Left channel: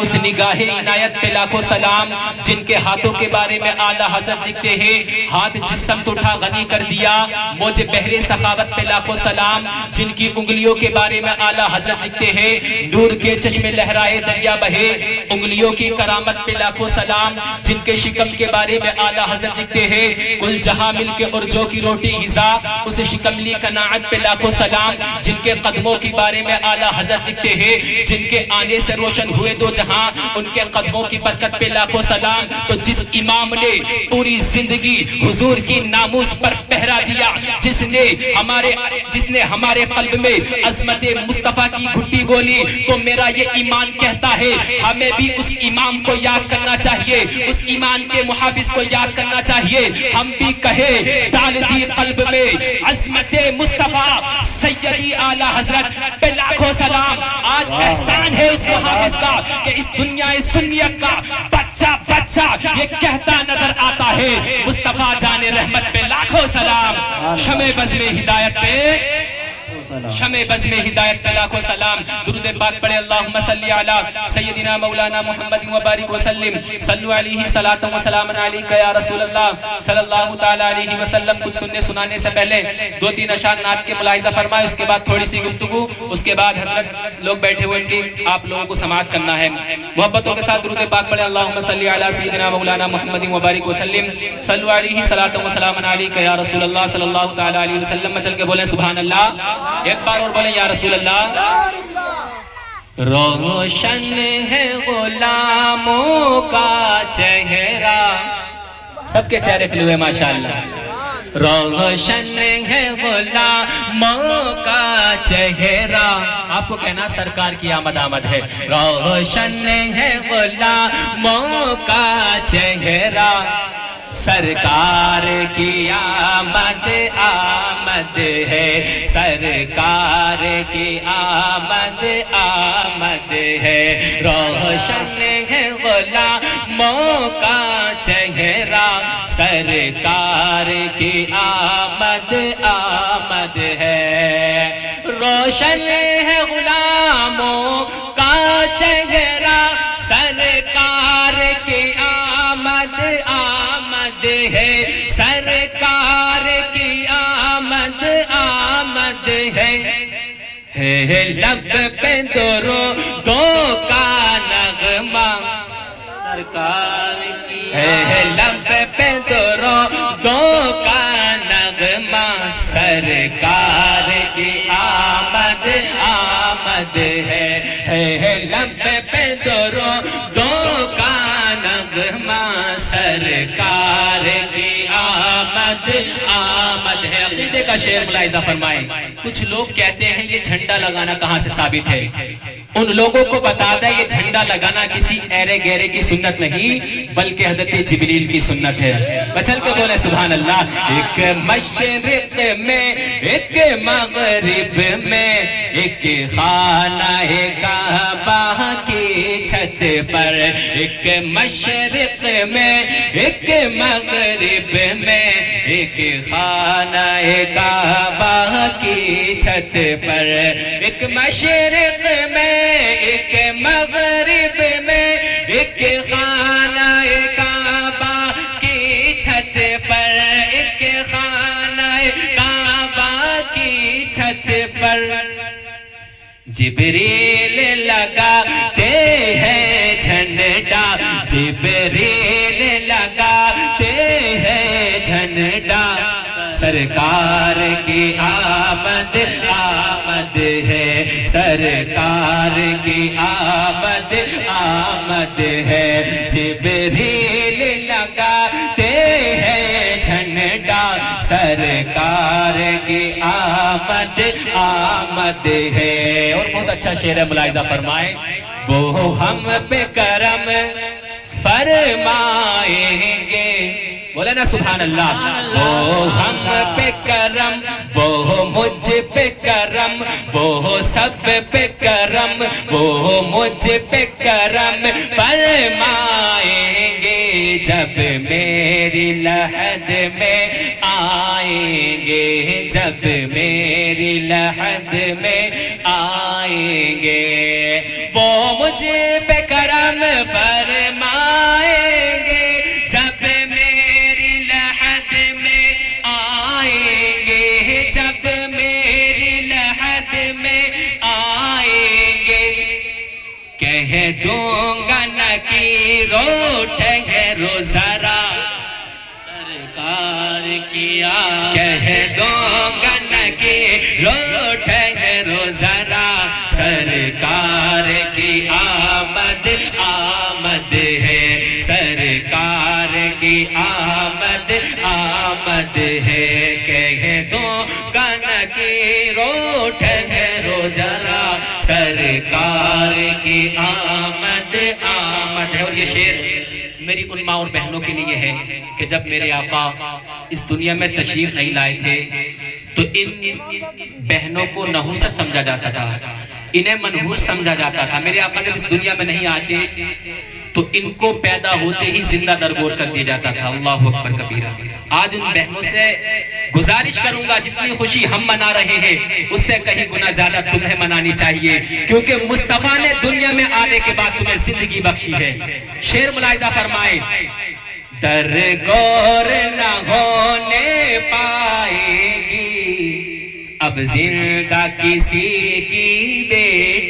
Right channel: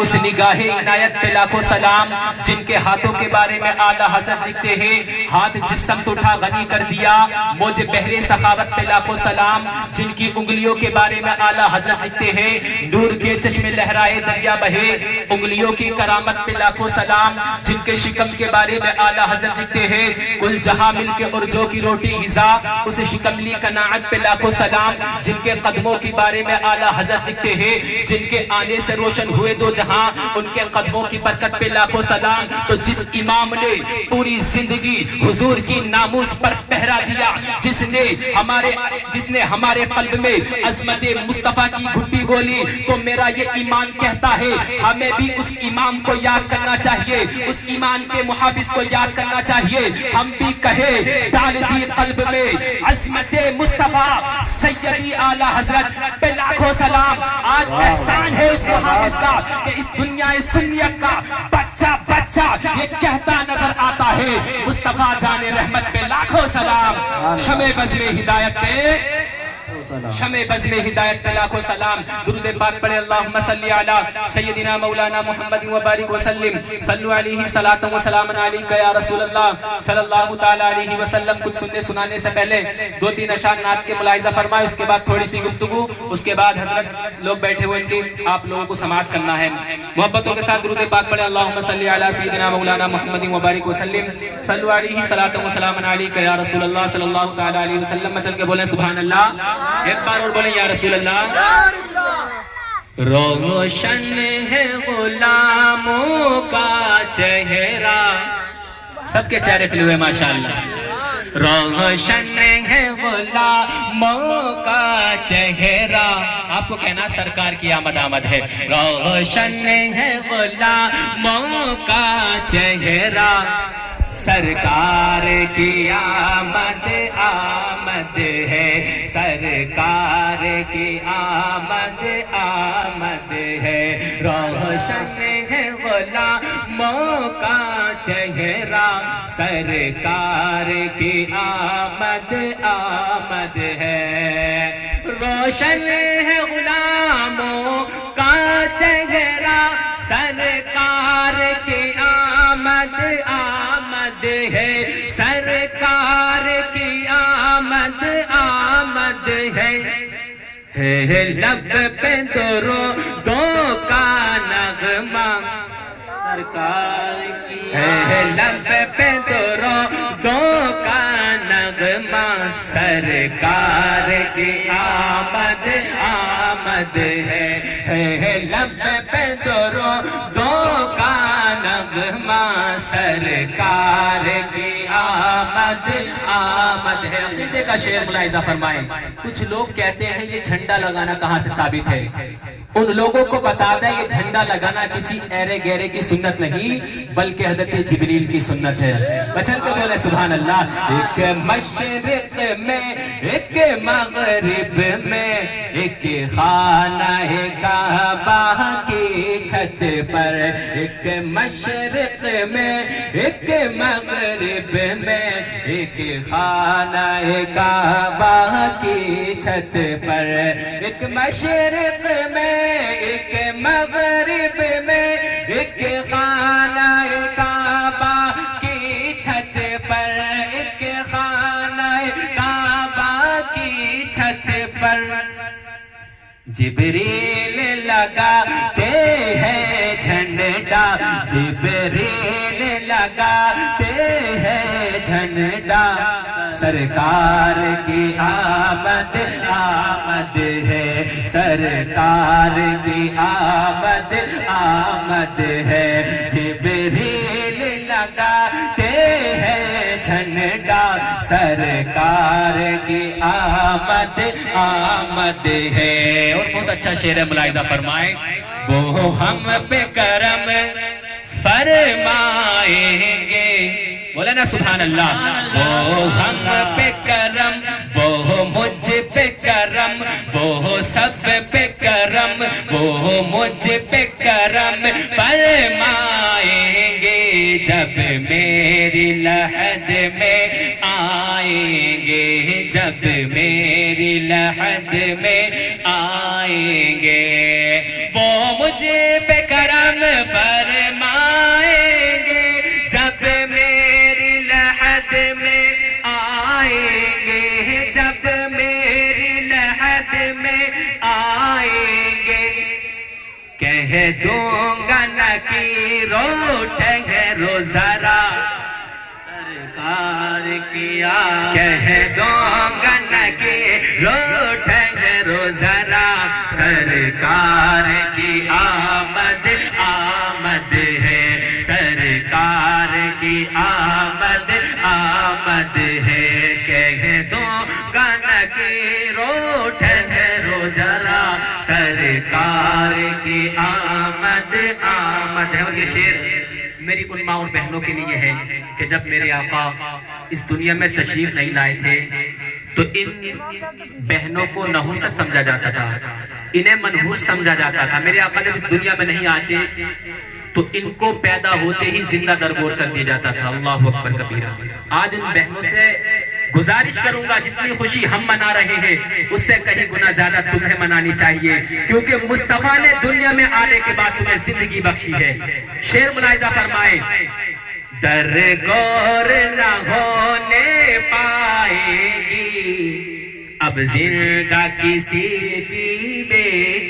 اس نگاہ عنایت پہ لاکھوں سلام، جن کے ہاتھوں کے بارے میں اعلیٰ حضرت لکھتے ہیں، ہاتھ جس سمت اٹھا غنی کر دیا، موج بحر سخاوت پہ لاکھوں سلام، جن کی انگلیوں کے بارے میں اعلیٰ حضرت لکھتے ہیں، نور کے چشمے لہرائے دریا بہے، انگلیوں کی کرامت پہ لاکھوں سلام، جن کے شکم کے بارے میں اعلیٰ حضرت لکھتے ہیں، کل جہاں مل کے ارجو کی روٹی غذا، اس شکملی قناعت پہ لاکھوں سلام، جن کے قدموں کے بارے میں اعلیٰ حضرت لکھتے ہیں، جن کے آنے سے روشن ہوئے دو جہاں، ان کے قدموں کی برکت پہ لاکھوں سلام۔ تو جس امام نے پوری زندگی حضور کی ناموس پر پہرا دیا، جس نے ہمارے قلب میں عظمت مصطفیٰ کی گھٹی گولی، تو میرا یہ ایمان کہتا ہے ہمیں بھی اس امام کو یاد کرنا چاہیے، اس ایمان کے محافظ کو یاد کرنا چاہیے۔ ہم بھی کہے ڈال دی قلب میں عظمت مصطفیٰ سیدی اعلیٰ حضرت پہ لاکھوں سلام۔ آج احسان ہے اس محافظ کا کہ اس دنیا سنیت کا بچہ یہ کہتا نظر آتا ہے، مصطفیٰ جان رحمت پہ لاکھوں سلام، شمع بزم ہدایت پہ لاکھوں سلام۔ درود پاک پڑھے اللہم صلی علی سیدنا مولانا محمد وبارک وسلم، صلو علیہ صلاۃ و سلام علیکہ یا رسول اللہ صلی اللہ تعالی علیہ وسلم۔ کچھ سننے سنانے سے پہلے دو تین اشعار نعت کے ملاحظہ فرمائے، اس کے بعد تھوڑی سی گفتگو، اس کے بعد حضرت لوگ بیٹھے ہوئے ان کی آپ لوگوں کو سماعت کرنا ہے۔ محبتوں کے ساتھ درود پاک پڑھے اللہم صلی علی سیدنا مولانا محمد وبارک وسلم، صلو علیہ صلاۃ و سلام علیکہ یا رسول اللہ صلی اللہ تعالی علیہ وسلم۔ چل کے بولیں سبحان اللہ، ایک بار اور بولیں یا رسول اللہ۔ روشن ہے غلاموں کا چہرہ، سب کے چہرے کھلے ہوئے ماشاءاللہ۔ روشن ہے غلاموں کا چہرہ، آپ کو کہنا سرکار کی آمد آمد ہے۔ روشن ہے غلاموں کا چہرہ، سرکار کی آمد آمد ہے، سرکار کی آمد آمد ہے۔ روشن ہے غلاموں کا چہرہ، سرکار کی آمد آمد ہے۔ روشن ہے غلاموں کا چہرہ، سرکار کی آمد آمد ہے، سرکار کی آمد آمد ہے۔ لب پہ درودوں کا نغمہ، سرکار کی ہے لب پہ درودوں کا نغمہ، سرکار کی آمد آمد ہے۔ لب پہ درودوں کا نغمہ، سرکار کی آمد آمد ہے۔ عقیدے کا شعر ملاحظہ فرمائیں۔ کچھ لوگ کہتے ہیں یہ جھنڈا لگانا کہاں سے ثابت ہے؟ ان لوگوں کو بتا دیں یہ جھنڈا لگانا کسی ایرے گیرے کی سنت نہیں، بلکہ حضرت جبریل کی سنت ہے۔ بچل کے بولے سبحان اللہ۔ ایک مشرق میں، ایک مغرب میں، ایک خانہ کعبہ کی چھت پر، ایک مشرق میں، ایک مغرب میں، ایک خانہ کعبہ کی چھت پر، ایک مشرق میں، ایک مغرب میں، ایک خانہ کعبہ کی چھت پر، ایک خانہ کعبہ کی چھت پر، جبریل لگاتے ہیں جھنڈا، جبریل لگاتے ہیں جھنڈا، سرکار کی آمد آمد ہے، سرکار کی آمد آمد ہے۔ جبریل لگاتے ہیں جھنڈا، سرکار کی آمد آمد ہے۔ اور بہت اچھا شعر ہے، ملاحظہ فرمائیں۔ وہ ہم پہ کرم فرمائیں گے، بولے نا سبحان اللہ۔ وہ ہم پہ کرم، وہ مجھ پہ کرم، وہ سب پہ کرم، وہ مجھ پہ کرم فرمائیں گے، جب میری لحد میں آئیں گے، جب میری لحد میں آئیں گے۔ وہ مجھ پہ کرم کرم فرمائیں گے جب میری لحد میں آئیں گے جب میری لحد میں آئیں گے کہہ دوں گا نکیرو ٹھہرو ذرا سرکار کی آمد کہہ دوں گا نکیرو ٹھہرو ذرا سرکار کی آمد آمد ہے سرکار کی آمد آمد ہے کہہ دوں گا نکیرو ٹھہرو ذرا سرکار کی آمد آمد ہے۔ اور یہ شعر میری ان ماں اور بہنوں کے لیے ہے کہ جب میرے آقا اس دنیا میں تشریف نہیں لائے تھے تو ان بہنوں کو نحوست سمجھا جاتا تھا، انہیں منحوس سمجھا جاتا تھا۔ میرے آقا جب اس دنیا میں نہیں آتے تو ان کو پیدا ہوتے ہی زندہ درگور کر دیا جاتا تھا۔ اللہ اکبر کبیرہ۔ آج ان بہنوں سے گزارش کروں گا جتنی خوشی ہم منا رہے ہیں اس سے کہیں گنا زیادہ تمہیں منانی چاہیے، کیونکہ مصطفیٰ نے دنیا میں آنے کے بعد تمہیں زندگی بخشی ہے۔ شعر ملاحظہ فرمائے، درگور نہ ہونے پائے گی اب زندہ کسی کی بیٹی